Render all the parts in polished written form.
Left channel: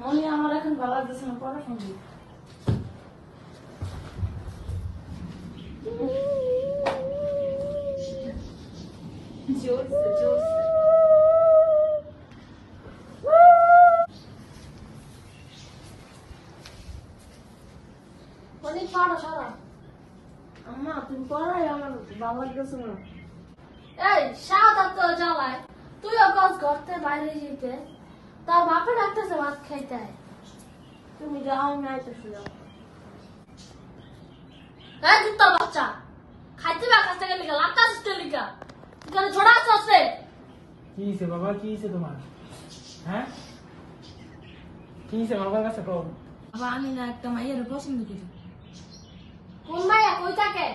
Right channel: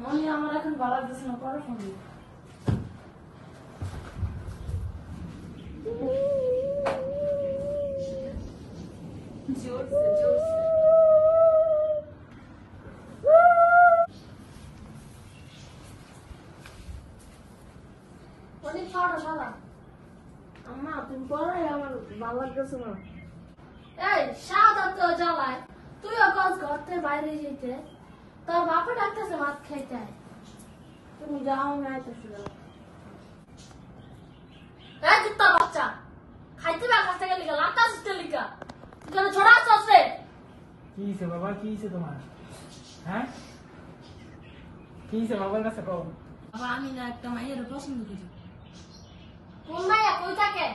মনি আমার এখন ভালো লাগতেছে না, পরে ফোন দিই। মনি পড়ো সবাই। আম্মা তুমি পড়াই আমার ভালো লাগতেছে না। এই সাদা তো জ্বালায়, তুইও কাজ করতে বাইরে যেতে, তোর বাপা ডাকতেছে ভাত খাইতে। তুমি যাও, আমি আইতেছি। এই দুটো বাচ্চা খাইতে বা কাছ থেকে লিখা লাতা আসতে লিখা এখানে ছোড়া আছে। কি হইছে বাবা, কি হইছে তোমার? হ্যাঁ, কি হইছে বাবার কাছে কও। বাবা আমি না একটা মাইয়ের পছন্দ করি। কোন মাইয়া কই থাকে?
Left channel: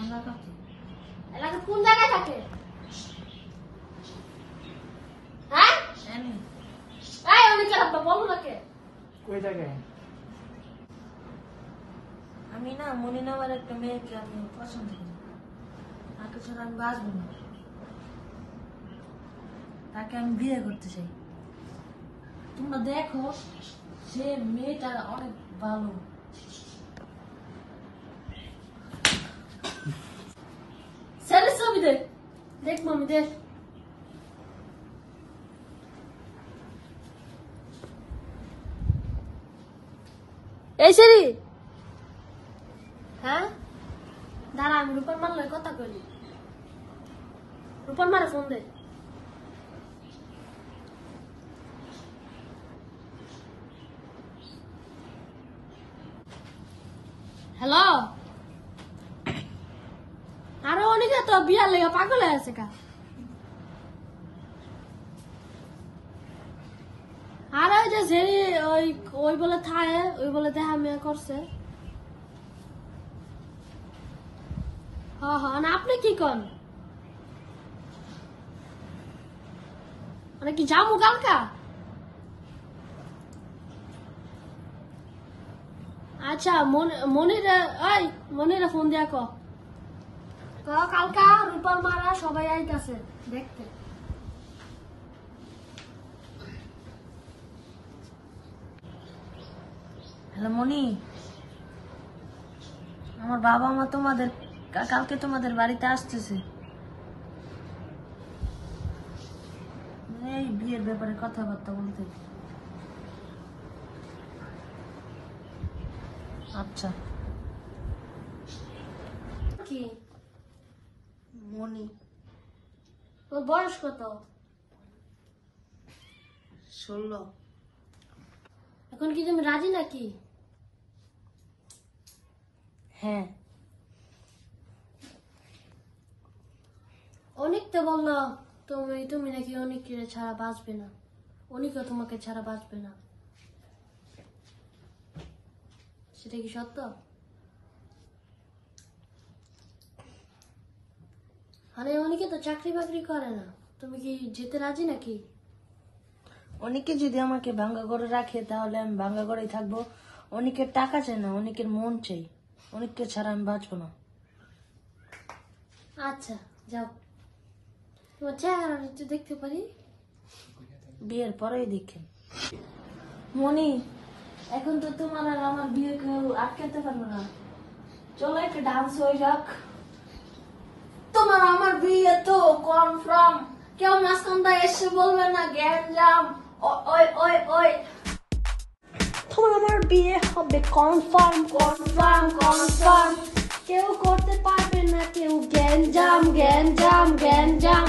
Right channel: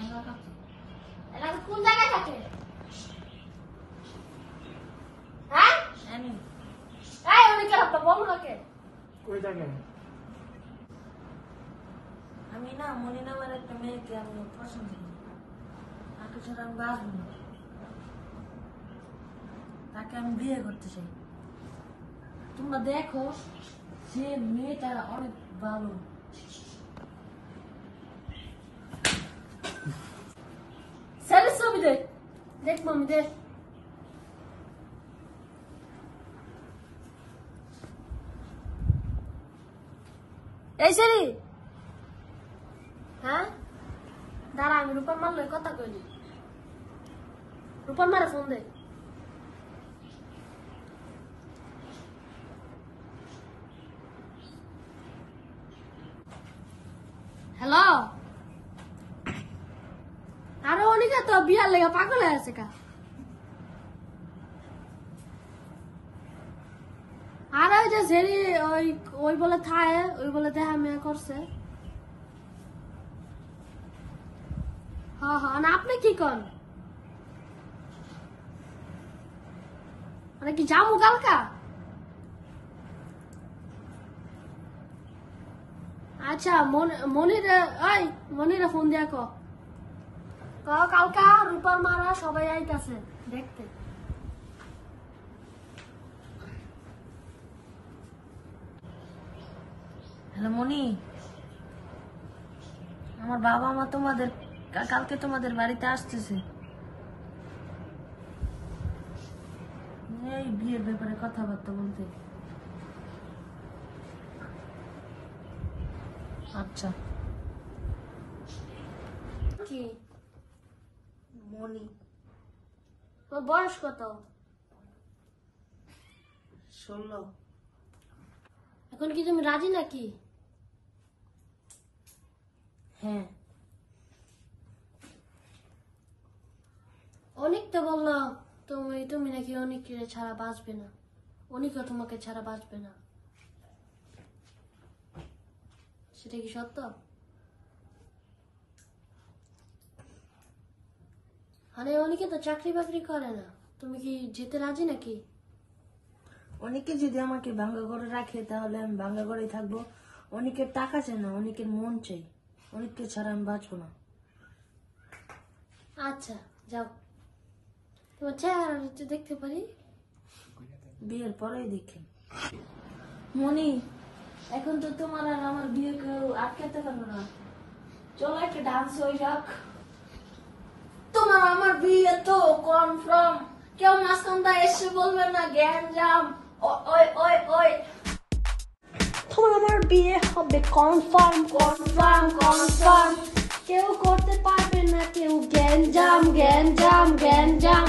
এলাকাতে। এলাকা কোন জায়গায় থাকে? হ্যাঁ জানি। এই ওদিকে আপনি বলো নাকি কই থাকে? আমি না মনে নেওয়ার একটা মেয়েকে আমি পছন্দ করি, তাকে ছাড়া আমি বাঁচব না, তাকে আমি বিয়ে করতে চাই। তোমরা দেখো সে মেয়েটা অনেক ভালো। ছেলের ছবি দেখ, দেখবো আমি দেখ। এই সেরি, হ্যাঁ দাঁড়া আমি রূপার মারলে কথা কইলি। রূপার মারে ফোন দে। হ্যালো, আরে অনেকে তো বিয়ার লেগে পাগল হয়ে আছে কা। আর ওই যে সেরি ওই ওই বলে থায়, ওই বলে দেখা মেয়ে করছে। হ্যাঁ হ্যাঁ, না আপনি কি কন? মানে কি যাবো কালকা? আচ্ছা মনিরে, ওই মনিরে ফোন দিয়া ক কালকা রূপার মারা সবাই আইতাছে দেখতে। হ্যালো মনি, আমার বাবা মা তোমাদের কালকে তোমাদের বাড়িতে আসতেছে, এই বিয়ের ব্যাপারে কথাবার্তা বলতে। আচ্ছা কি মনি, তোর বয়স কত? 16। এখন কি তুমি রাজি নাকি? হ্যাঁ। অনেক তো বললো তুমি নাকি অনেকের ছাড়া বাঁচবে না, অনেকও তোমাকে ছাড়া বাঁচবে না, সেটা কি সত্য? মানে অনেকে তো চাকরি বাকরি করে না, তুমি কি যেতে রাজি নাকি? অনেকে যদি আমাকে ভাঙ্গা ঘরে রাখে তাহলে আমি ভাঙ্গা ঘরেই থাকবো। অনেকের টাকা চাই না, অনেকের মন চাই, অনেককে ছাড়া আমি বাঁচবো না। আচ্ছা যাও, তোমার চেহারা একটু দেখতে পারি? বিয়ের পরেই দেখেন। মনি এখন তো তোমার আর আমার বিয়ে কেউ আটকাতে পারবো না, চলো একটা ডান্স হয়ে যাক। তোমার আমার বিয়ে তো কনফার্ম, কেউ মাঝখানটা এসে বলবে না গ্যাঞ্জাম। ওই ওই ওই তোমার আমার বিয়ে হবে কনফার্ম কনফার্ম কনফার্ম, কেউ করতে পারবে না কেউ গ্যাঞ্জাম গ্যাঞ্জাম গ্যাঞ্জাম।